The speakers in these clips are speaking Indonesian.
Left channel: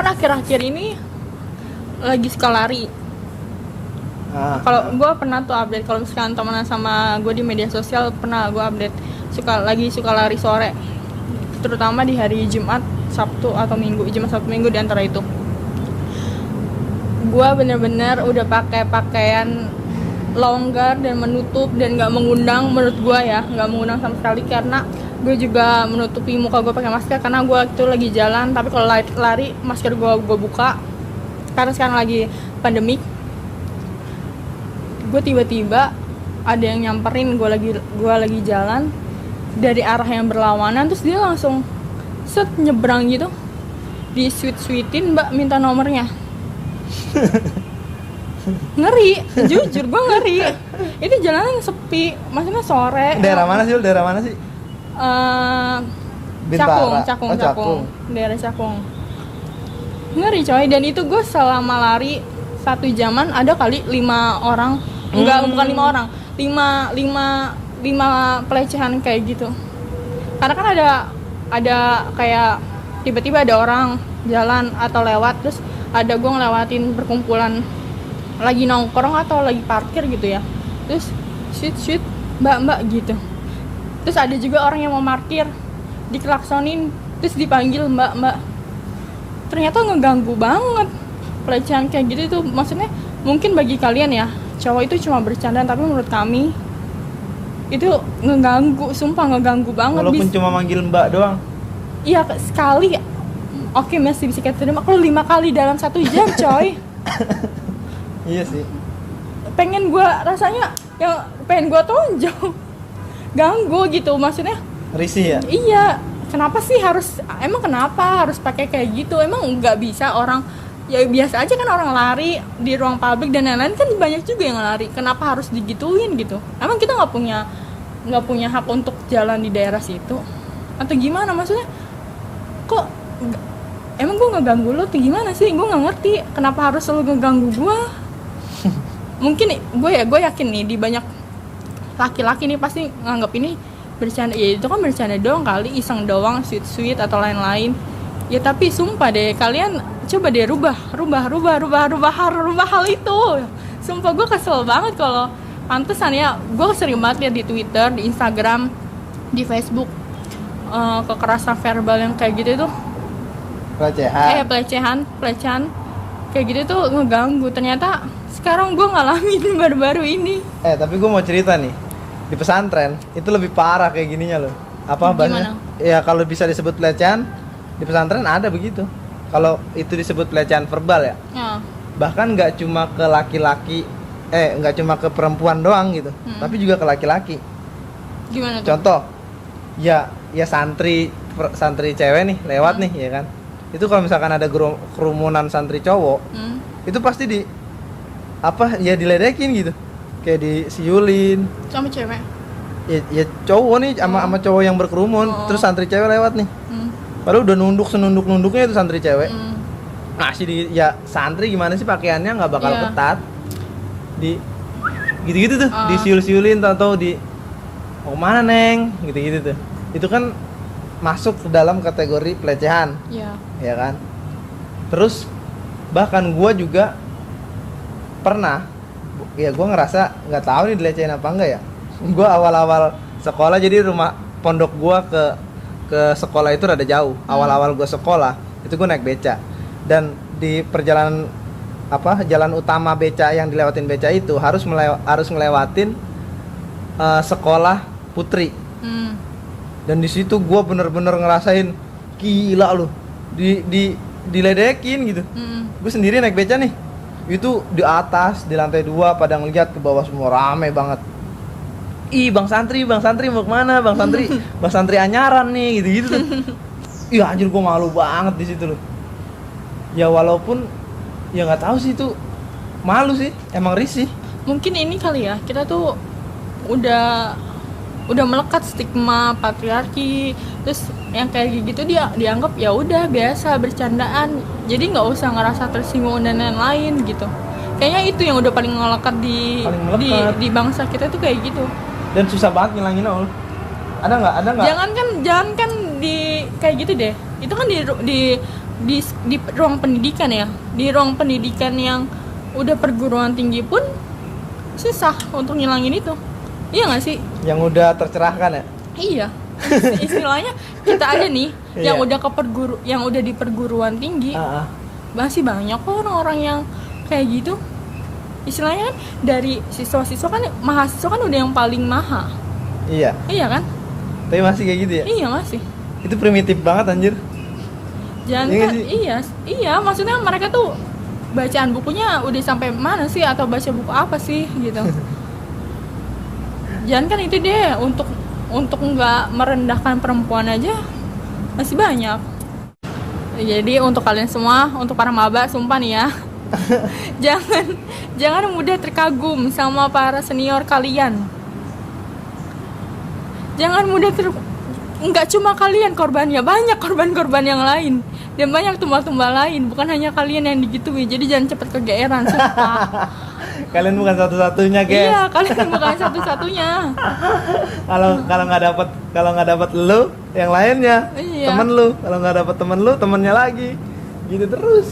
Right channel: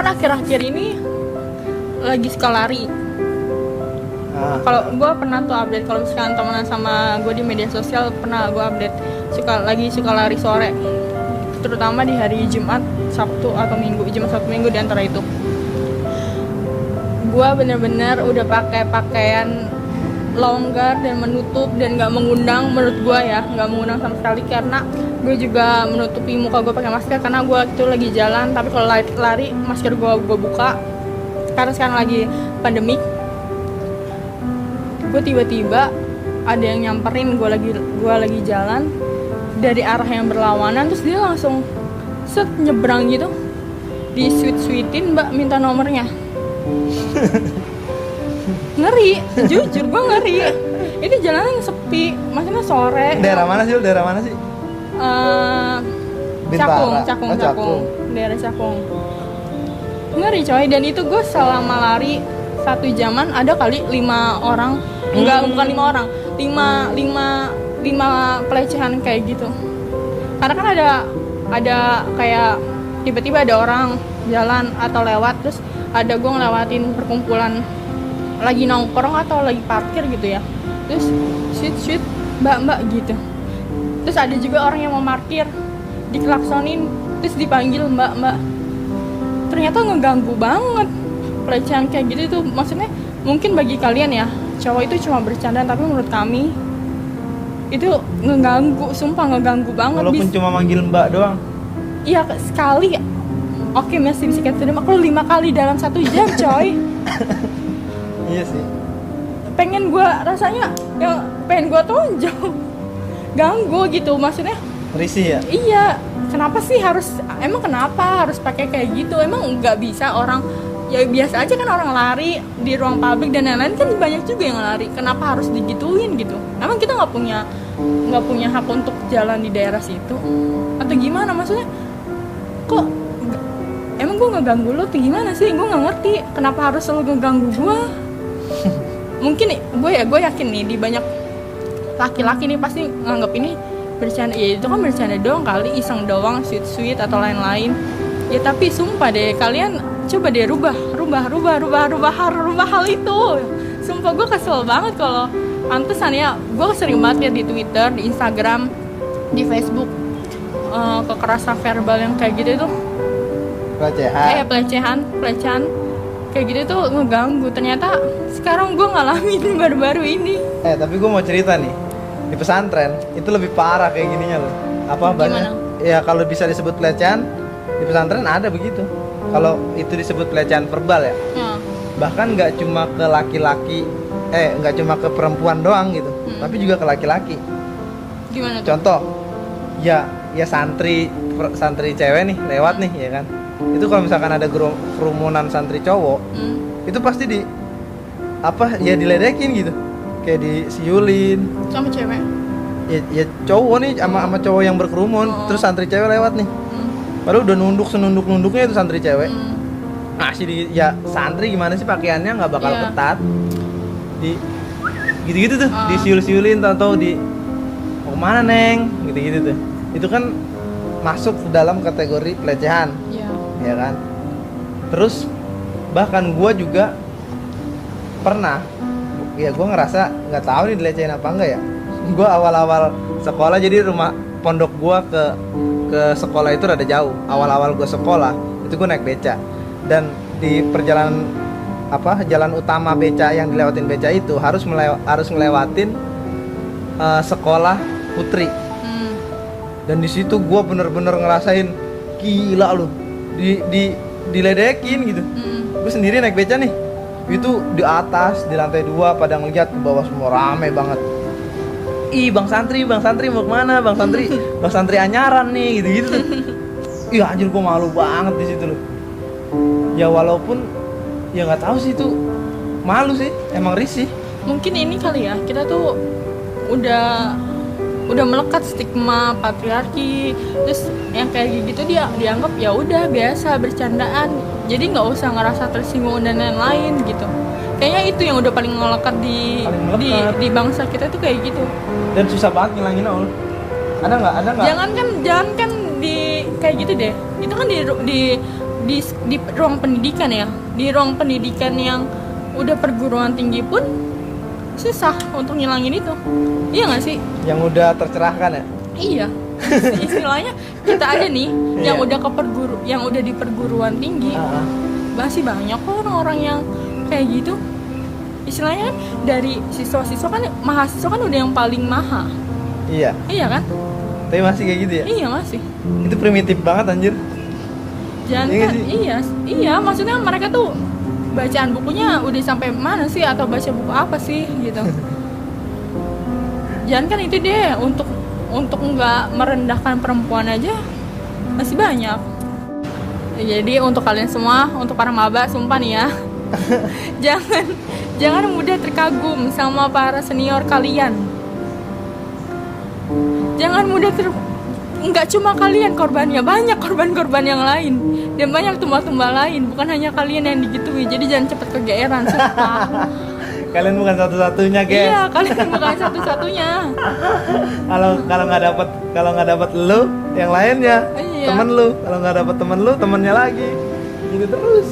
kan akhir-akhir ini lagi suka lari. Kalau gue pernah tuh update kalau misalkan temenan sama gue di media sosial, pernah gue update suka lari sore, terutama di hari Jumat, Sabtu atau Minggu, Jumat Sabtu Minggu di antara itu. Gue bener-bener udah pakai pakaian longgar dan menutup dan nggak mengundang, menurut gue ya nggak mengundang sama sekali, karena gue juga menutupi muka gue pakai masker karena gue itu lagi jalan. Tapi kalau lari masker gue buka karena sekarang lagi pandemik. Gue tiba-tiba ada yang nyamperin gue lagi jalan dari arah yang berlawanan, terus dia langsung set nyebrang gitu, di sweet-sweetin, mbak minta nomornya. Ngeri, jujur gue ngeri. Itu jalanan sepi, maksudnya sore. Daerah mana sih? Cakung, daerah Cakung. Ngeri coy, dan itu gue selama lari 1 jaman ada kali 5 orang, bukan 5 orang, 5 pelecehan kayak gitu. Karena kan ada kayak tiba-tiba ada orang jalan atau lewat, terus ada gue ngelewatin perkumpulan lagi nongkrong atau lagi parkir gitu ya, terus shoot mbak gitu. Terus ada juga orang yang mau parkir, diklaksonin, terus dipanggil mbak. Ternyata ngeganggu banget. Pelecehan kayak gitu itu maksudnya mungkin bagi kalian ya cowok itu cuma bercanda, tapi menurut kami itu ngeganggu, sumpah ngeganggu banget. Walaupun cuma manggil mbak doang. Iya, sekali oke masih bisa kita terima. Kalau 5 kali dalam 1 jam coy. Iya sih, pengen gue rasanya ya pengen gue tonjol. Ganggu gitu, maksudnya risih ya. Iya, kenapa harus pakai kayak gitu? Emang nggak bisa orang ya biasa aja kan orang lari di ruang publik dan lain-lain, kan banyak juga yang lari. Kenapa harus digituin gitu? Emang kita nggak punya hak untuk jalan di daerah situ atau gimana? Maksudnya kok emang gue ngeganggu lo tuh gimana sih? Gue nggak ngerti kenapa harus lo ngeganggu gue. Mungkin gue yakin nih di banyak laki-laki nih pasti nganggap ini bercanda. Ya itu kan bercanda doang kali, iseng doang, sweet atau lain-lain ya. Tapi sumpah deh, kalian coba deh rubah hal itu. Sumpah gue kesel banget. Kalau pantesan ya, gue sering banget liat di Twitter, di Instagram, di Facebook, kekerasan verbal yang kayak gitu tuh, pelecehan kayak gitu tuh ngeganggu. Ternyata sekarang gue ngalamin baru-baru ini. Tapi gue mau cerita nih, di pesantren itu lebih parah kayak gininya loh. Banyak ya, kalau bisa disebut pelecehan di pesantren ada begitu. Kalau itu disebut pelecehan verbal ya. Bahkan nggak cuma ke laki-laki, nggak cuma ke perempuan doang gitu, tapi juga ke laki-laki. Gimana tuh? Contoh, ya santri cewek nih lewat nih ya kan. Itu kalau misalkan ada kerumunan santri cowok, itu pasti diledekin gitu, kayak disiulin sama cewek. Ya cowok nih sama cowok yang berkerumun. Terus santri cewek lewat nih, padahal udah nunduknya itu santri cewek. Nah santri gimana sih pakaiannya nggak bakal ketat, gitu tuh, disiul-siulin atau mau mana neng, gitu tuh. Itu kan masuk dalam kategori pelecehan, ya kan. Terus bahkan gue juga pernah, ya gue ngerasa nggak tahu nih dilecehin apa enggak ya. Gue awal-awal sekolah, jadi rumah pondok gue ke sekolah itu rada jauh. Awal-awal gue sekolah itu gue naik beca, dan di perjalanan jalan utama beca yang dilewatin beca itu harus ngelewatin sekolah putri. Dan di situ gue bener-bener ngerasain gila lu, diledekin gitu. Gue sendiri naik beca nih, itu di atas di lantai 2 pada ngeliat ke bawah semua rame banget. Ih bang santri mau kemana? Bang santri anyaran nih, gitu. Ih anjir, gue malu banget di situ loh. Ya walaupun ya nggak tahu sih, itu malu sih, emang risih. Mungkin ini kali ya, kita tuh udah melekat stigma patriarki, terus yang kayak gitu dia dianggap ya udah biasa, bercandaan, jadi nggak usah ngerasa tersinggung dan lain-lain gitu. Kayaknya itu yang udah paling melekat di bangsa kita tuh kayak gitu. Dan susah banget ngilangin Ada nggak? Jangan kan di kayak gitu deh. Itu kan di di ruang pendidikan ya, di ruang pendidikan yang udah perguruan tinggi pun susah untuk ngilangin itu. Iya nggak sih? Yang udah tercerahkan ya. Iya. Istilahnya kita aja nih yang udah yang udah di perguruan tinggi, masih banyak kok orang-orang yang kayak gitu. Istilahnya dari siswa-siswa kan, mahasiswa kan udah yang paling mahal. Iya. Iya kan? Tapi masih kayak gitu ya? Iya masih. Itu primitif banget anjir. Jangan iya, maksudnya mereka tuh bacaan bukunya udah sampai mana sih, atau baca buku apa sih gitu. Jangan kan itu deh, untuk nggak merendahkan perempuan aja masih banyak. Jadi untuk kalian semua, untuk para maba, sumpah nih ya, jangan mudah terkagum sama para senior kalian. Jangan mudah nggak cuma kalian korbannya, banyak korban-korban yang lain dan banyak tumbal-tumbal lain, bukan hanya kalian yang digituin. Jadi jangan cepet kegeeran, sumpah. Kalian bukan satu-satunya, guys. Iya, kalian bukan satu-satunya. Kalau nggak dapat lu, yang lainnya, iya. Temen lu. Kalau nggak dapat temen lu, temennya lagi. Gitu terus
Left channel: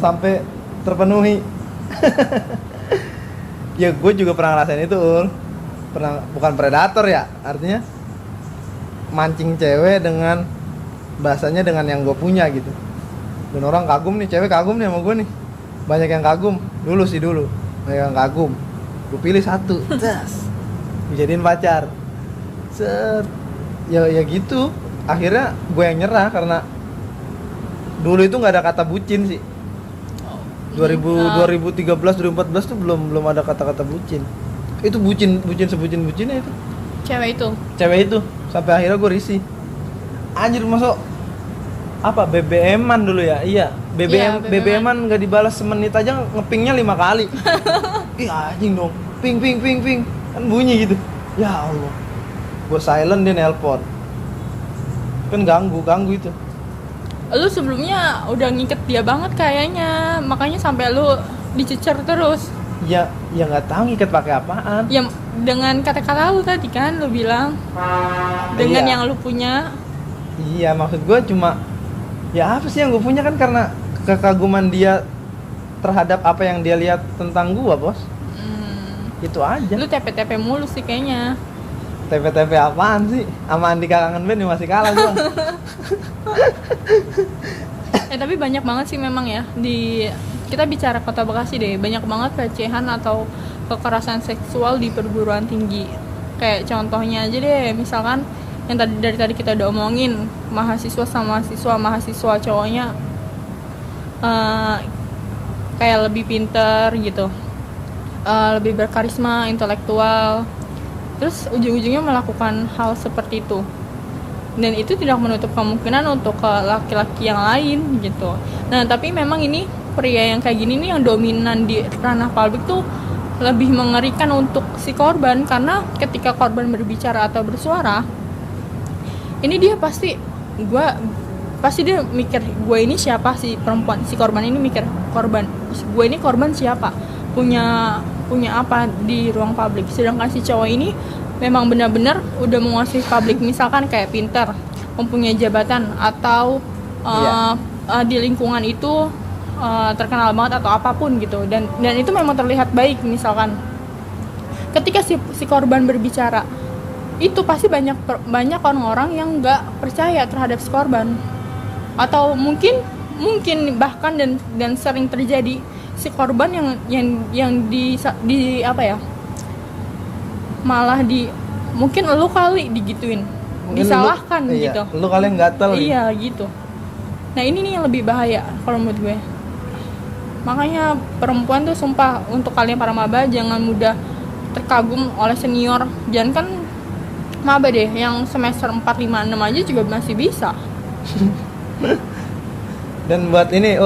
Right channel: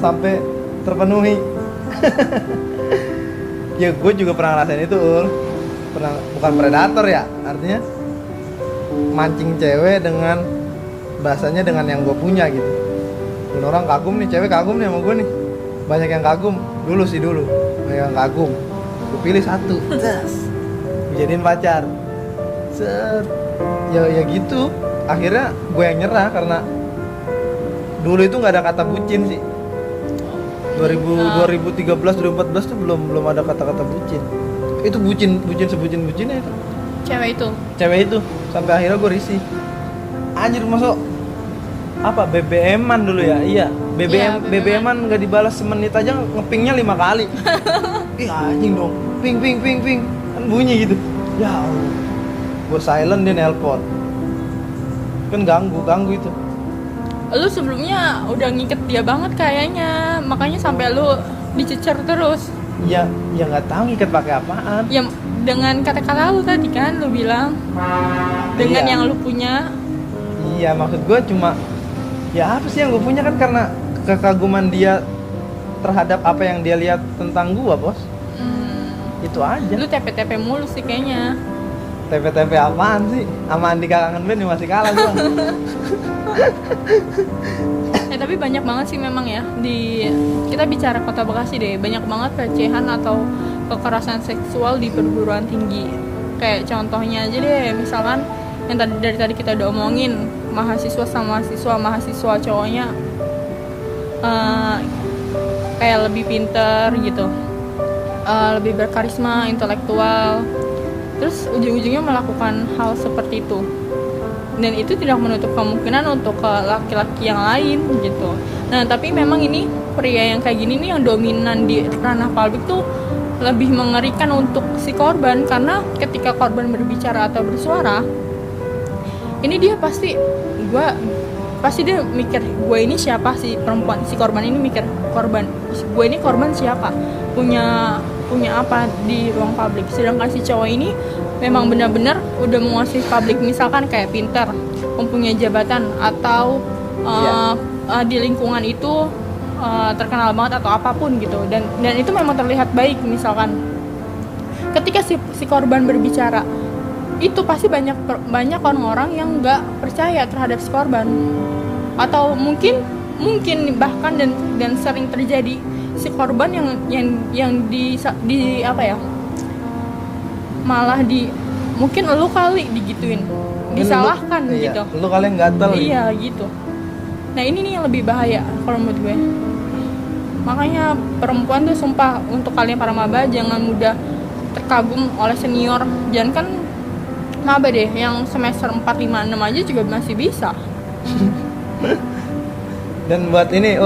sampai terpenuhi. Ya gue juga pernah ngerasain itu, bukan predator ya, artinya mancing cewek dengan bahasanya dengan yang gue punya gitu. Dan orang kagum nih, cewek kagum nih sama gue nih, banyak yang kagum dulu banyak yang kagum, gue pilih satu, jadiin pacar, ya gitu. Akhirnya gue yang nyerah karena dulu itu nggak ada kata bucin sih. 2013 2014 tuh belum ada kata-kata bucin. Itu bucin sebucin-bucinnya itu. Cewek itu sampai akhirnya gue risih. Anjir, masuk apa BBM-an dulu ya? Iya, BBM-an nggak dibalas semenit aja ngepingnya 5 kali. Ih anjing dong, ping kan bunyi gitu. Ya Allah, gue silent, dia nelpon, kan ganggu itu. Lu sebelumnya udah ngiket dia banget kayaknya, makanya sampai lu dicecer terus. Ya nggak tahu ngiket pakai apaan. Ya dengan kata-kata lu tadi kan, lu bilang dengan yang lu punya. Iya, maksud gue cuma ya apa sih yang gue punya, kan karena kekaguman dia terhadap apa yang dia lihat tentang gue, bos. Itu aja. Lu TP mulu sih kayaknya. TP apaan sih? Sama Andika Kangen Band masih kalah gue. Tapi banyak banget sih memang ya, kita bicara Kota Bekasi deh, banyak banget pelecehan atau kekerasan seksual di perguruan tinggi. Kayak contohnya aja deh, misalkan yang dari tadi kita udah omongin, mahasiswa cowoknya kayak lebih pinter gitu, lebih berkarisma, intelektual, terus ujung-ujungnya melakukan hal seperti itu. Dan itu tidak menutup kemungkinan untuk ke laki-laki yang lain gitu. Nah tapi memang ini pria yang kayak gini nih, yang dominan di ranah publik tuh lebih mengerikan untuk si korban, karena ketika korban berbicara atau bersuara, ini dia pasti dia mikir, gue ini siapa, si perempuan, si korban ini mikir, gue ini korban siapa, punya apa di ruang publik. Sedangkan si cowok ini memang benar-benar udah menguasai publik, misalkan kayak pintar, mempunyai jabatan, atau di lingkungan itu terkenal banget atau apapun gitu, dan itu memang terlihat baik. Misalkan ketika si korban berbicara, itu pasti banyak orang-orang yang nggak percaya terhadap si korban, atau mungkin bahkan dan sering terjadi si korban yang di apa ya, malah mungkin lu kali digituin, disalahkan gitu. Lu kali yang gatel. Iya gitu. Nah ini nih yang lebih bahaya kalau menurut gue. Makanya perempuan tuh sumpah, untuk kalian para maba jangan mudah terkagum oleh senior. Jangan kan maba deh, yang semester 4, 5, 6 aja juga masih bisa. Dan buat ini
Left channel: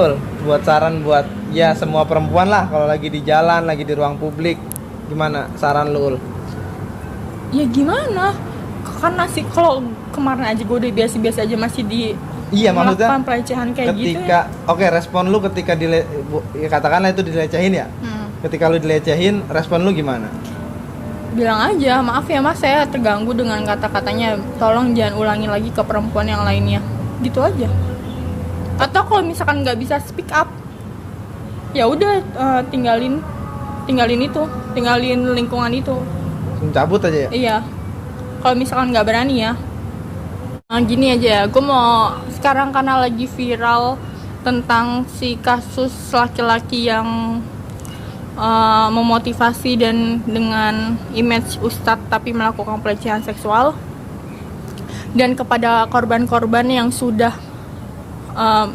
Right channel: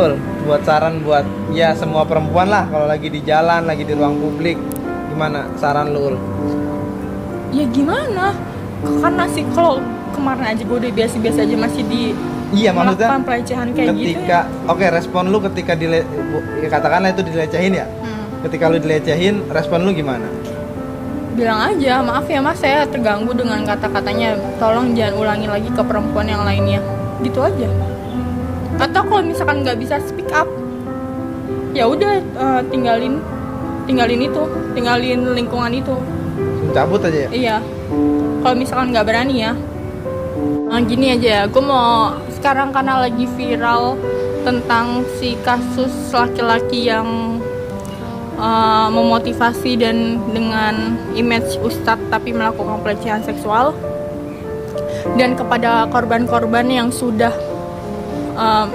buat saran buat ya semua perempuan lah, kalau lagi di jalan, lagi di ruang publik, gimana saran lu? Ya gimana? Karena sih kalau kemarin aja gue udah biasa-biasa aja masih melakukan pelecehan kayak gitu ya. Oke, respon lu ketika katakanlah itu dilecehin ya. Ketika lu dilecehin, respon lu gimana? Bilang aja, maaf ya mas, saya terganggu dengan kata-katanya, tolong jangan ulangi lagi ke perempuan yang lainnya, gitu aja. Atau kalau misalkan nggak bisa speak up, ya udah tinggalin lingkungan itu. Cabut aja ya? Iya, kalau misalkan nggak berani ya. Nah, gini aja, gue mau sekarang karena lagi viral tentang si kasus laki-laki yang memotivasi dan dengan image ustadz tapi melakukan pelecehan seksual, dan kepada korban-korban yang sudah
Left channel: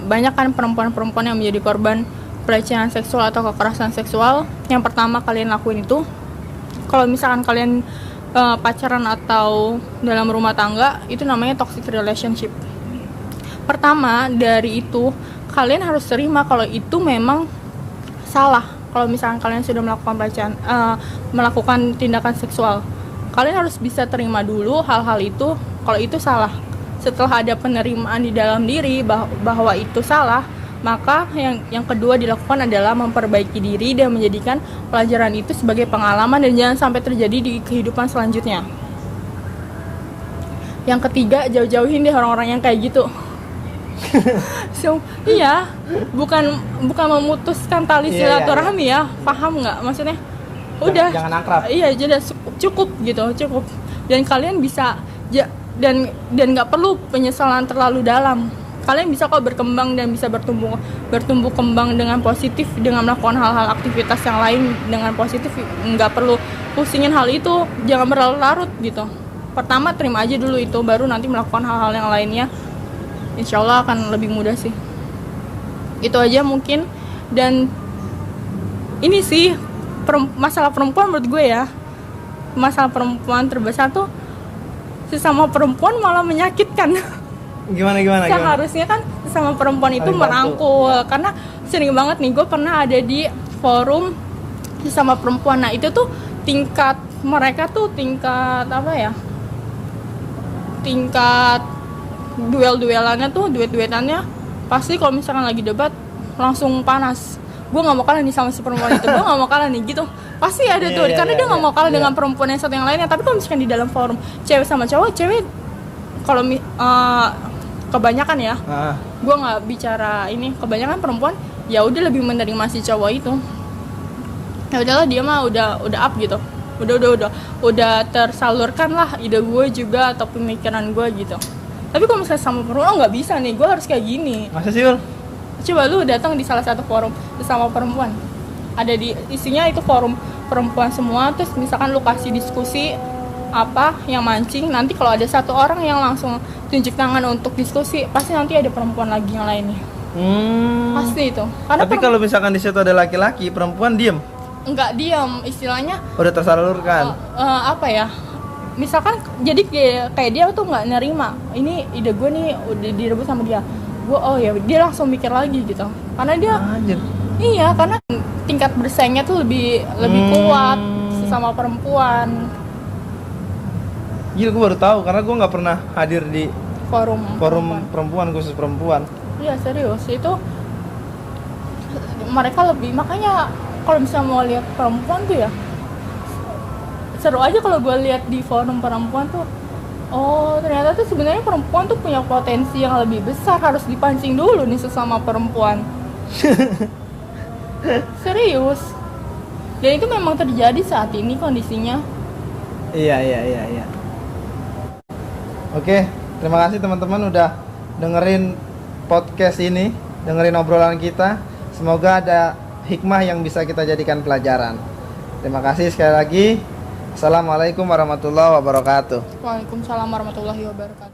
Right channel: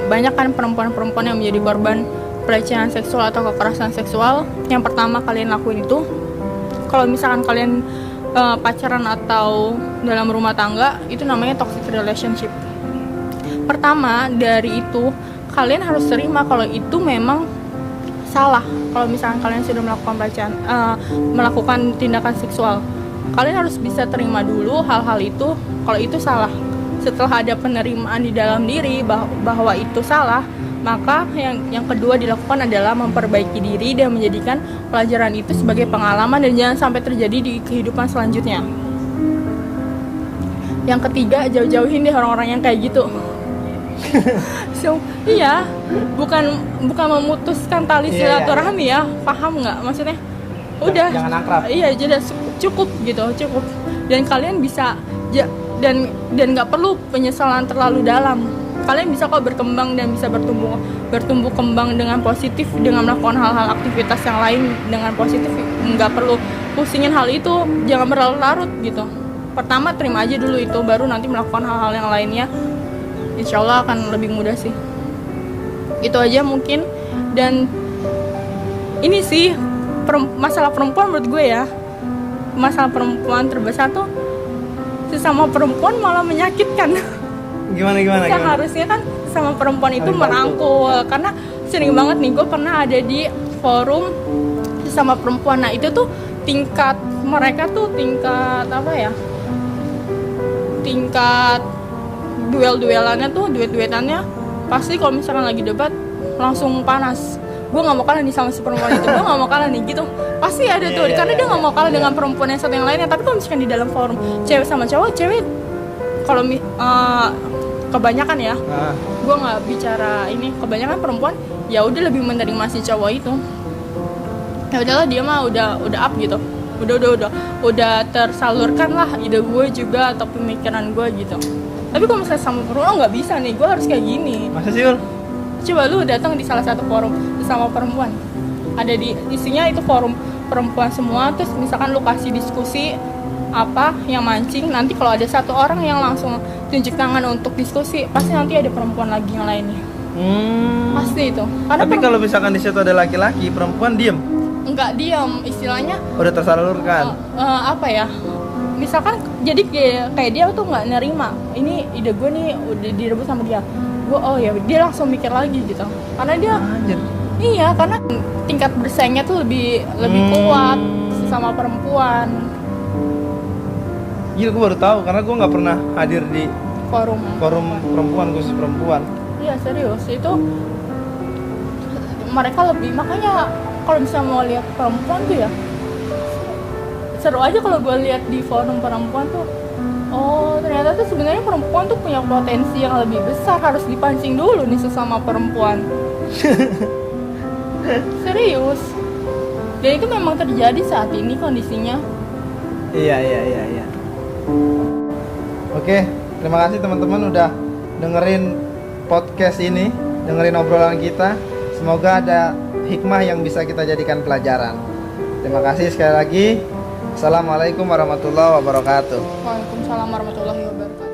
banyak kan perempuan-perempuan yang menjadi korban pelecehan seksual atau kekerasan seksual. Yang pertama kalian lakuin itu, kalau misalkan kalian pacaran atau dalam rumah tangga, itu namanya toxic relationship. Pertama dari itu, kalian harus terima kalau itu memang salah. Kalau misalkan kalian sudah melakukan pelecehan, melakukan tindakan seksual, kalian harus bisa terima dulu hal-hal itu kalau itu salah. Setelah ada penerimaan di dalam diri bahwa itu salah, maka yang kedua dilakukan adalah memperbaiki diri dan menjadikan pelajaran itu sebagai pengalaman dan jangan sampai terjadi di kehidupan selanjutnya. Yang ketiga, jauh-jauhin deh orang-orang yang kayak gitu. So, iya, bukan memutuskan tali silaturahmi ya, paham nggak maksudnya? Udah, jangan akrab. Iya, jadi cukup gitu, cukup. Dan kalian bisa dan nggak perlu penyesalan terlalu dalam. Kalian bisa kok berkembang dan bisa bertumbuh kembang dengan positif dengan melakukan hal-hal aktivitas yang lain dengan positif. Nggak perlu pusingin hal itu, jangan berlarut-larut gitu. Pertama terima aja dulu itu, baru nanti melakukan hal-hal yang lainnya. Insya Allah akan lebih mudah sih. Itu aja mungkin. Dan ini sih masalah perempuan menurut gue ya, masalah perempuan terbesar tuh sesama perempuan malah menyakitkan. Gimana? Seharusnya kan sama perempuan itu merangkul. Karena sering banget nih gue pernah ada di forum sesama perempuan. Nah itu tuh tingkat mereka tuh tingkat apa ya, tingkat duelannya tuh, duetannya pasti kalau misalkan lagi debat langsung panas. Gue nggak mau kalah nih sama si perempuan itu, gue nggak mau kalah nih gitu, pasti ada tuh. Karena dia nggak mau kalah dengan perempuan yang satu yang lainnya. Tapi kalau misalkan di dalam forum cewek sama cowok, cewek kalau kebanyakan ya, gue nggak bicara ini, kebanyakan perempuan ya udah lebih menerima si cowok itu. Ya udahlah, dia mah udah up gitu, udah tersalurkan lah ide gue juga atau pemikiran gue gitu. Tapi kalau misalnya sama perempuan nggak bisa nih, gue harus kayak gini. Masa sih, Ul? Coba lu datang di salah satu forum sama perempuan, ada di isinya itu forum perempuan semua, terus misalkan lu kasih diskusi apa yang mancing, nanti kalau ada satu orang yang langsung tunjuk tangan untuk diskusi, pasti nanti ada perempuan lagi yang lainnya. Pasti itu. Tapi kalau misalkan di situ ada laki-laki, perempuan diem? Enggak diem, istilahnya udah tersalurkan. Apa ya, misalkan jadi kayak dia tuh nggak nerima ini ide gue nih udah direbut sama dia, gue oh ya dia langsung mikir lagi gitu, karena dia iya, karena tingkat bersaingnya tuh lebih kuat sama perempuan. Iya, gue baru tahu karena gue nggak pernah hadir di forum perempuan, khusus perempuan. Iya serius, itu mereka lebih, makanya kalau misalnya mau lihat perempuan tuh ya seru aja kalau gue lihat di forum perempuan tuh. Oh ternyata tuh sebenarnya perempuan tuh punya potensi yang lebih besar, harus dipancing dulu nih sesama perempuan. Serius, dan itu memang terjadi saat ini kondisinya. Iya. Oke, terima kasih teman-teman udah dengerin podcast ini, dengerin obrolan kita. Semoga ada hikmah yang bisa kita jadikan pelajaran. Terima kasih sekali lagi. Assalamualaikum warahmatullahi wabarakatuh. Waalaikumsalam warahmatullahi wabarakatuh.